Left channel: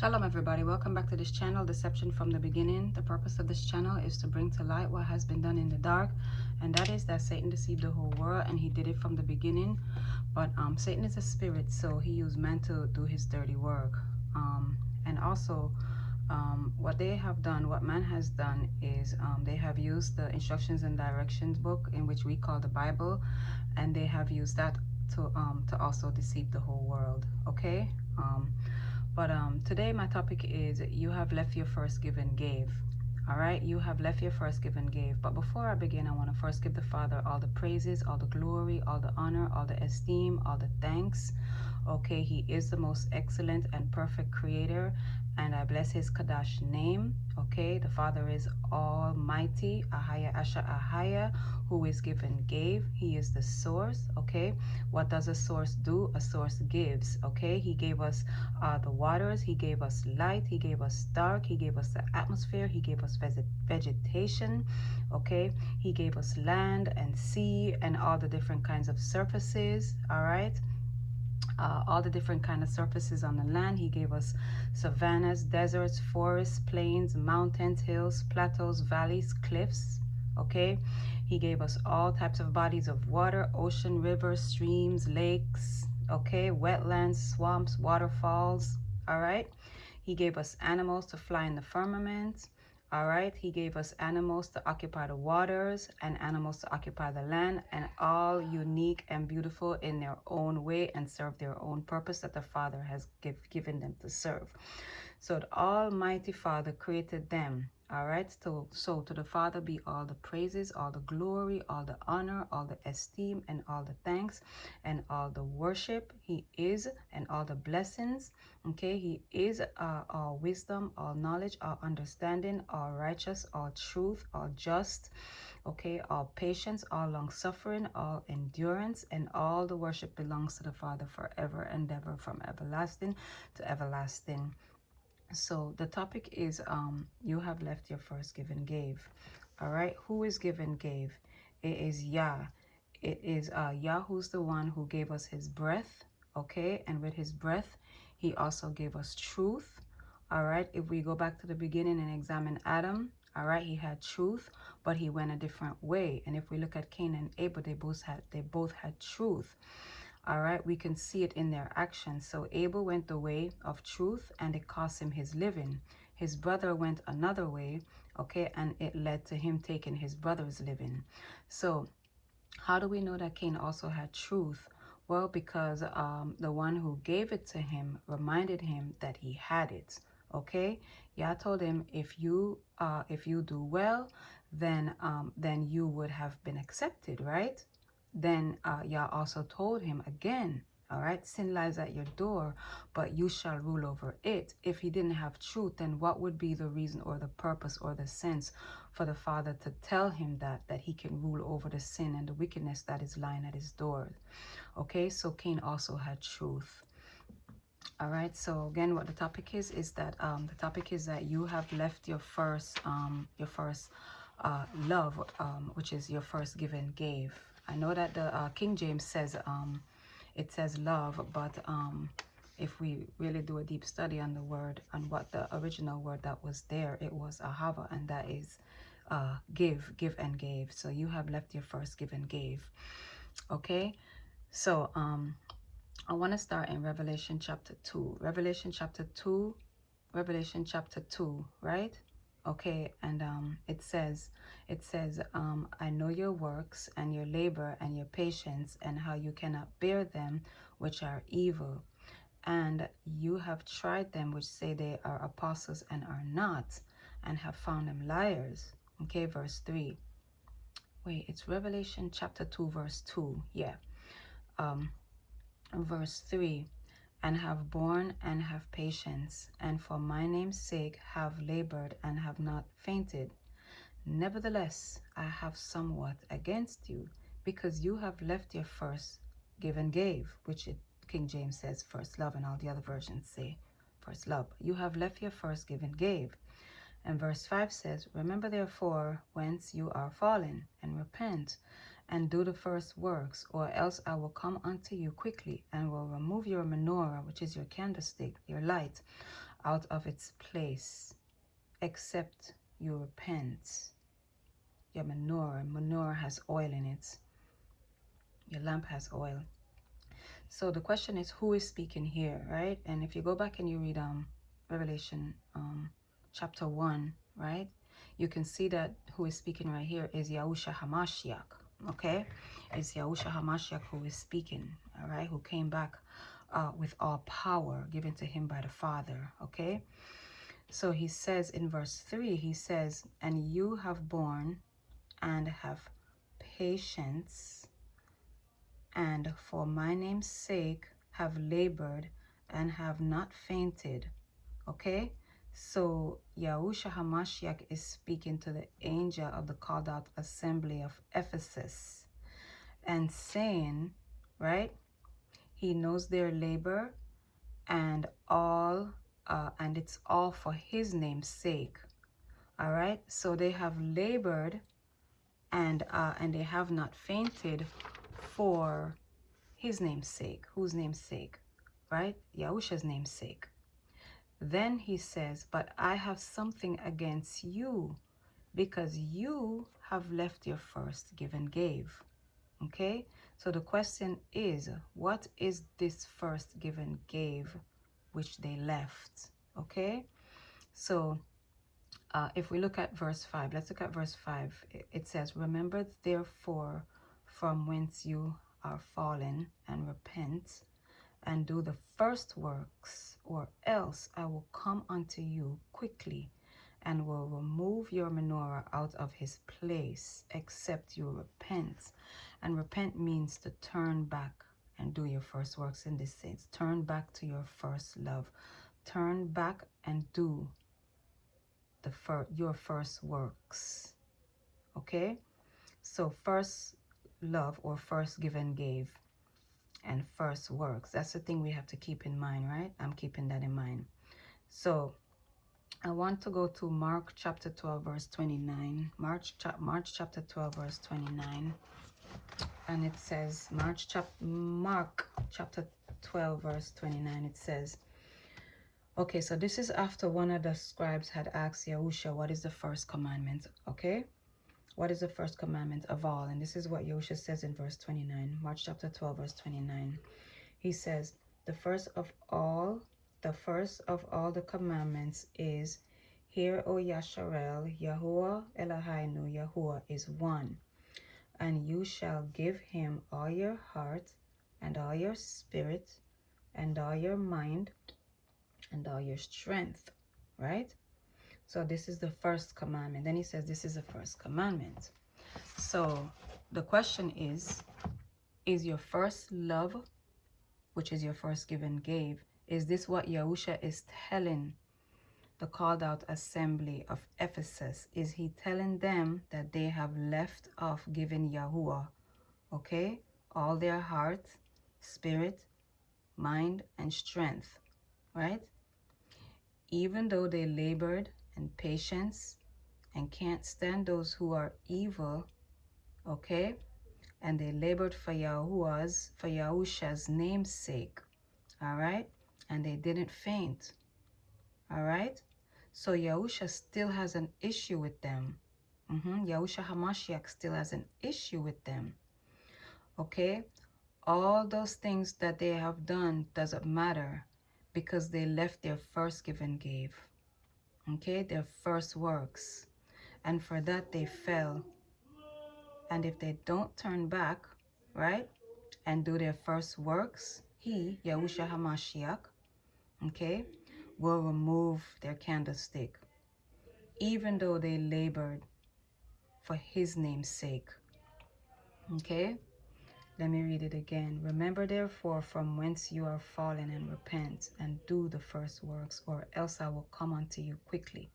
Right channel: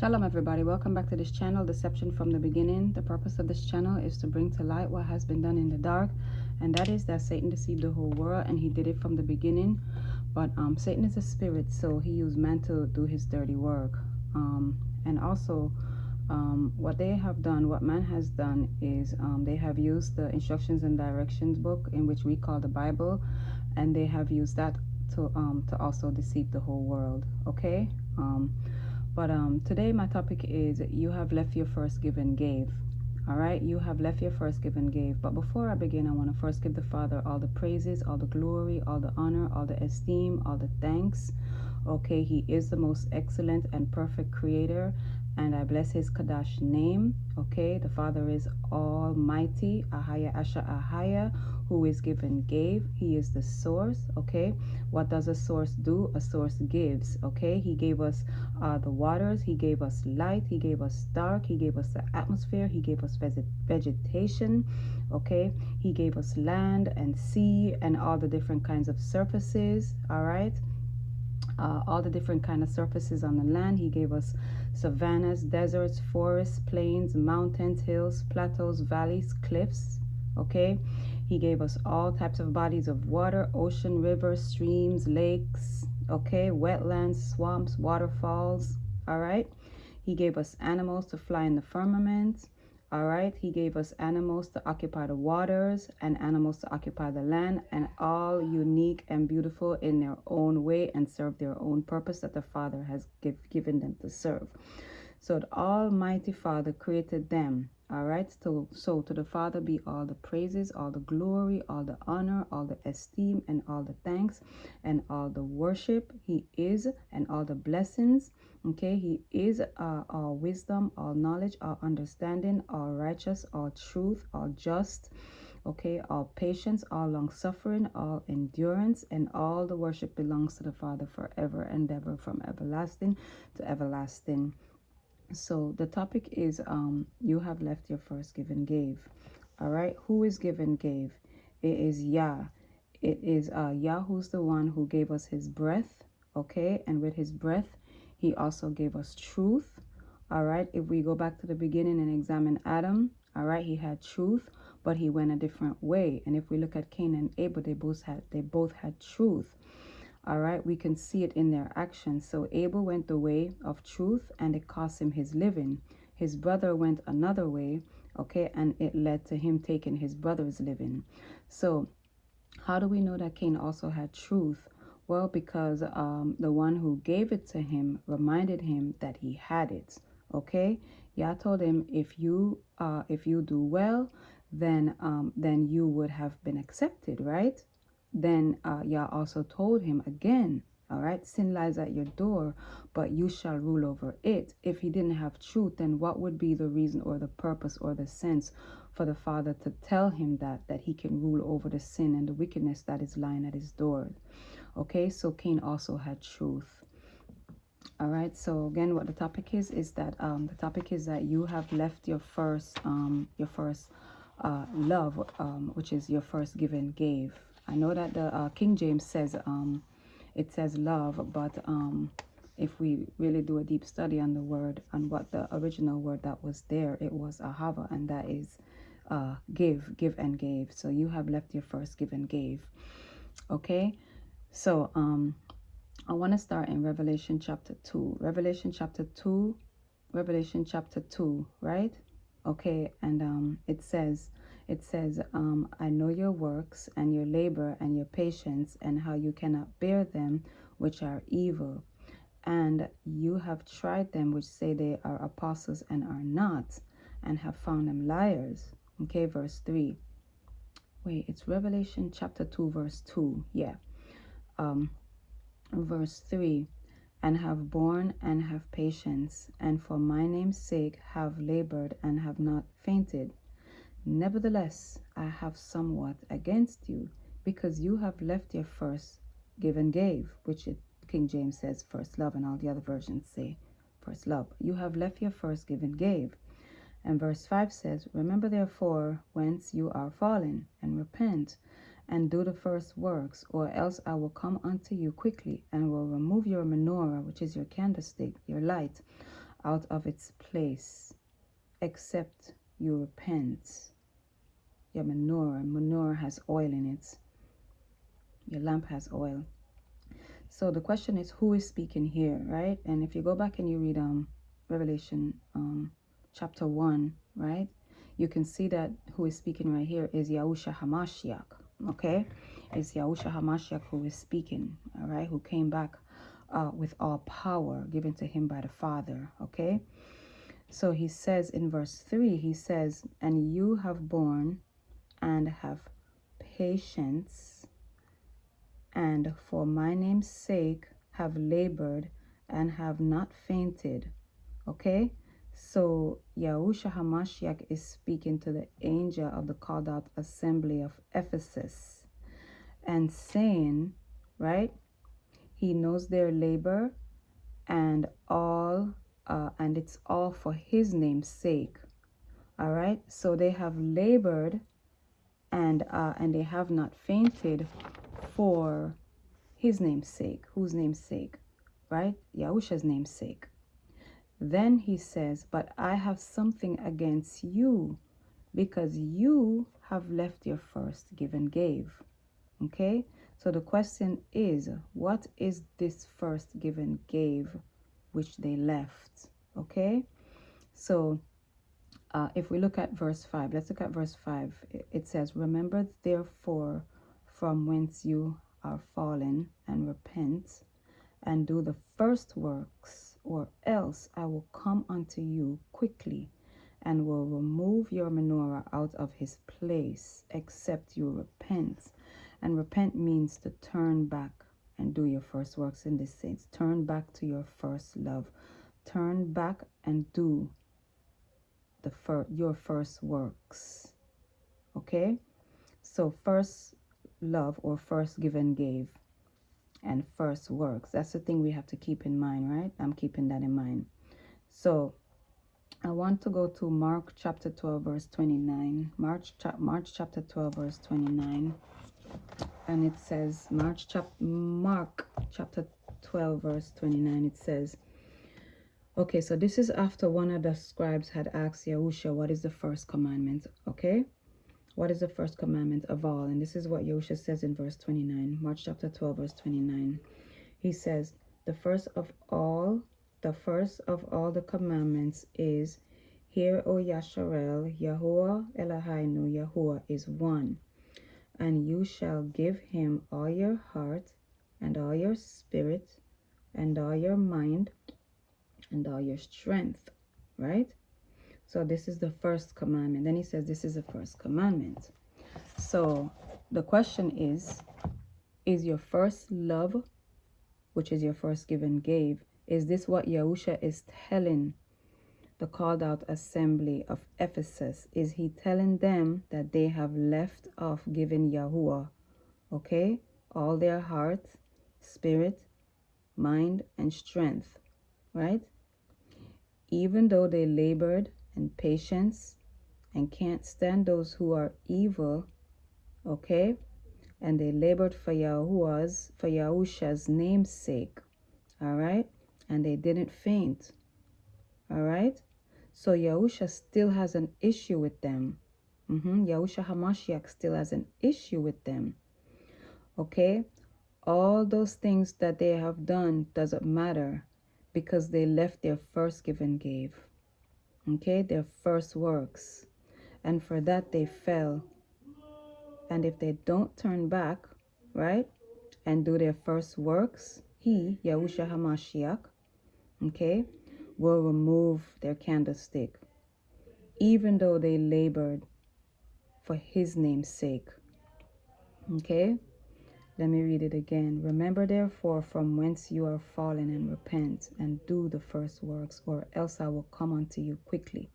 Shalom everybody, welcome back to this channel, Deception from the Beginning. The purpose of this channel is to bring to light what has been done in the dark, and that is that Satan deceived the whole world, and he did it from the beginning. But Satan is a spirit, so he used man to do his dirty work. And also what they have done, what man has done is they have used the instructions and directions book, in which we call the Bible, and they have used that to also deceive the whole world. Okay. But today my topic is you have left your first give and gave. All right, you have left your first give and gave. But before I begin, I want to first give the Father all the praises, all the glory, all the honor, all the esteem, all the thanks. Okay, he is the most excellent and perfect creator, and I bless his Kadash name. Okay, the Father is almighty, Ahaya Asha Ahaya, who is given gave. He is the source. Okay, what does a source do? A source gives. Okay, he gave us the waters, he gave us light, he gave us dark, he gave us the atmosphere, he gave us vegetation. Okay, he gave us land and sea and all the different kinds of surfaces. All right, all the different kind of surfaces on the land. He gave us savannas, deserts, forests, plains, mountains, hills, plateaus, valleys, cliffs. Okay, he gave us all types of bodies of water, ocean, rivers, streams, lakes. Okay, wetlands, swamps, waterfalls. All right, he gave us animals to fly in the firmament. All right, he gave us animals to occupy the waters and animals to occupy the land, and all unique and beautiful in their own way and serve their own purpose that the Father has given them to serve. So the Almighty Father created them. All right, so to the Father be all the praises, all the glory, all the honor, all the esteem, and all the thanks, and all the worship. He is, and all the blessings. Okay, he is all wisdom, all knowledge, all understanding, all righteous, all truth, all just. Okay, all patience, all long suffering, all endurance, and all the worship belongs to the Father forever and ever, from everlasting to everlasting. So the topic is you have left your first give and gave. All right, who is give and gave? It is Yah. It is Yah, who's the one who gave us his breath. Okay, and with his breath he also gave us truth. All right, if we go back to the beginning and examine Adam, all right, he had truth, but he went a different way. And if we look at Cain and Abel, they both had truth. All right, we can see it in their actions. So Abel went the way of truth, and it cost him his living. His brother went another way, okay, and it led to him taking his brother's living. So how do we know that Cain also had truth? Well, because the one who gave it to him reminded him that he had it. Okay, Yah told him, if you do well, then you would have been accepted, right? Then Yah also told him again, all right, sin lies at your door, but you shall rule over it. If he didn't have truth, then what would be the reason or the purpose or the sense for the Father to tell him that he can rule over the sin and the wickedness that is lying at his door? Okay, so Cain also had truth. All right, so again, what the topic is that the topic is that you have left your first love, which is your first give and gave. I know that the King James says it says love, but if we really do a deep study on the word, on what the original word that was there, it was ahava, and that is give and gave. So you have left your first give and gave. Okay, so I want to start in Revelation chapter 2. Revelation chapter 2, right? Okay, and it says, I know your works and your labor and your patience, and how you cannot bear them which are evil. And you have tried them which say they are apostles and are not, and have found them liars. Okay, verse 3. Wait, it's Revelation chapter 2, verse 2. Yeah. Verse 3. And have borne and have patience, and for my name's sake have labored and have not fainted. Nevertheless, I have somewhat against you, because you have left your first give and gave, which King James says first love, and all the other versions say first love. You have left your first give and gave. And verse 5 says, remember therefore whence you are fallen, and repent, and do the first works, or else I will come unto you quickly, and will remove your menorah, which is your candlestick, your light, out of its place, except you repent. Your menorah has oil in it. Your lamp has oil. So the question is, who is speaking here, right? And if you go back and you read Revelation chapter 1, right, you can see that who is speaking right here is Yahusha Ha Machiach, okay? It's Yahusha Ha Machiach who is speaking, all right, who came back with all power given to him by the Father, okay? So he says in verse 3, he says, and you have borne and have patience, and for my name's sake have labored and have not fainted. Okay, so Yahusha Ha Machiach is speaking to the angel of the called out assembly of Ephesus and saying, right, he knows their labor and and it's all for his name's sake. All right, so they have labored and they have not fainted for his name's sake. Whose name's sake? Right? Yahusha's name's sake. Then he says, but I have something against you, because you have left your first give and gave. Okay? So the question is, what is this first give and gave which they left? Okay? So if we look at verse 5, let's look at verse 5. It says, remember therefore from whence you are fallen, and repent, and do the first works, or else I will come unto you quickly, and will remove your menorah out of his place, except you repent. And repent means to turn back and do your first works in this sense. Turn back to your first love. Turn back and do your first works. Okay? So first love, or first give and gave, and first works. That's the thing we have to keep in mind, right? I'm keeping that in mind. So I want to go to Mark chapter 12 verse 29. Mark chapter 12 verse 29. And it says, Mark chapter 12 verse 29, it says, okay, so this is after one of the scribes had asked Yahusha, what is the first commandment? Okay, what is the first commandment of all? And this is what Yahusha says in verse 29, Mark chapter 12 verse 29. He says, the first of all the commandments is, hear, O Yasharel, Yahuwah Eloheinu, Yahuwah is one, and you shall give him all your heart, and all your spirit, and all your mind, and all your strength, right? So this is the first commandment. Then he says this is the first commandment. So the question is your first love, which is your first give and gave, is this what Yahusha is telling the called out assembly of Ephesus? Is he telling them that they have left off giving Yahuwah, okay, all their heart, spirit, mind, and strength, right? Even though they labored and patience and can't stand those who are evil, okay, and they labored for Yahusha's name's sake, all right, and they didn't faint, all right. So Yahusha still has an issue with them. Yahusha Ha Machiach still has an issue with them, okay. All those things that they have done doesn't matter, because they left their first give and gave, okay, their first works, and for that they fell. And if they don't turn back, right, and do their first works, he, Yahusha Ha Machiach, okay, will remove their candlestick, even though they labored for his name's sake. Okay, let me read it again. Remember therefore from whence you are fallen, and repent, and do the first works, or else I will come unto you quickly,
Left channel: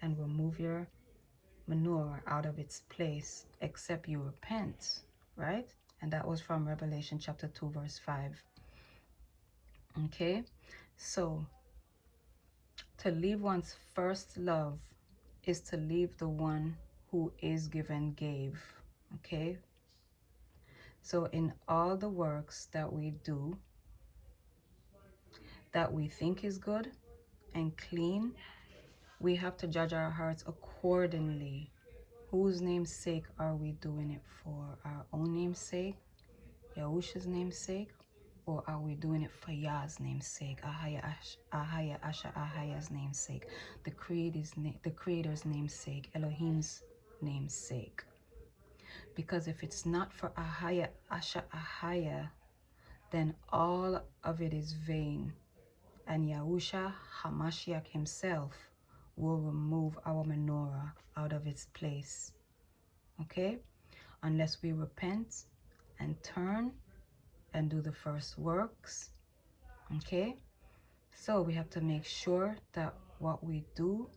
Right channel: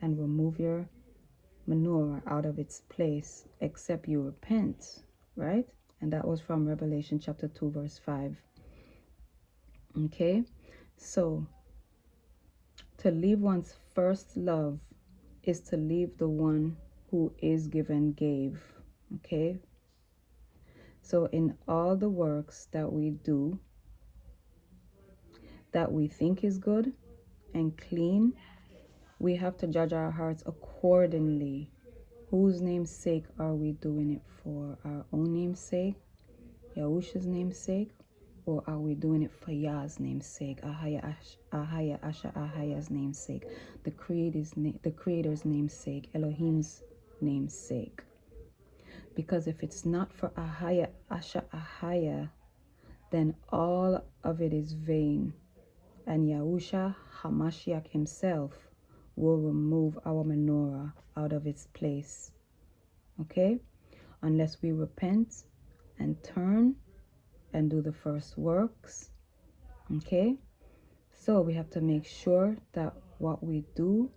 and remove your menorah out of its place, except you repent, right? And that was from Revelation chapter 2 verse 5. Okay, so to leave one's first love is to leave the one who is given gave. Okay, so in all the works that we do that we think is good and clean, we have to judge our hearts accordingly. Whose name's sake are we doing it for? Our own name's sake? Yahusha's name's sake? Or are we doing it for Yah's name's sake? Ahaya Asha Ahaya's name's sake, the Creator's name's sake, Elohim's name's sake. Because if it's not for Ahaya Asha Ahaya, then all of it is vain. And Yahusha Ha Machiach himself will remove our menorah out of its place. Okay? Unless we repent and turn and do the first works. Okay? So we have to make sure that what we do,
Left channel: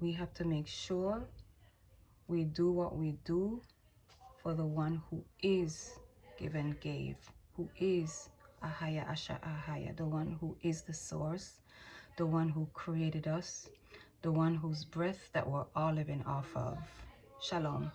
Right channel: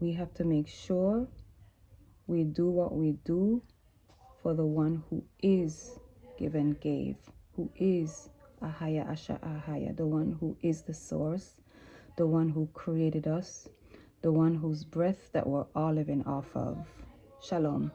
we have to make sure we do what we do for the one who is give and gave, who is Ahaya Asha Ahaya, the one who is the source, the one who created us, the one whose breath that we're all living off of. Shalom.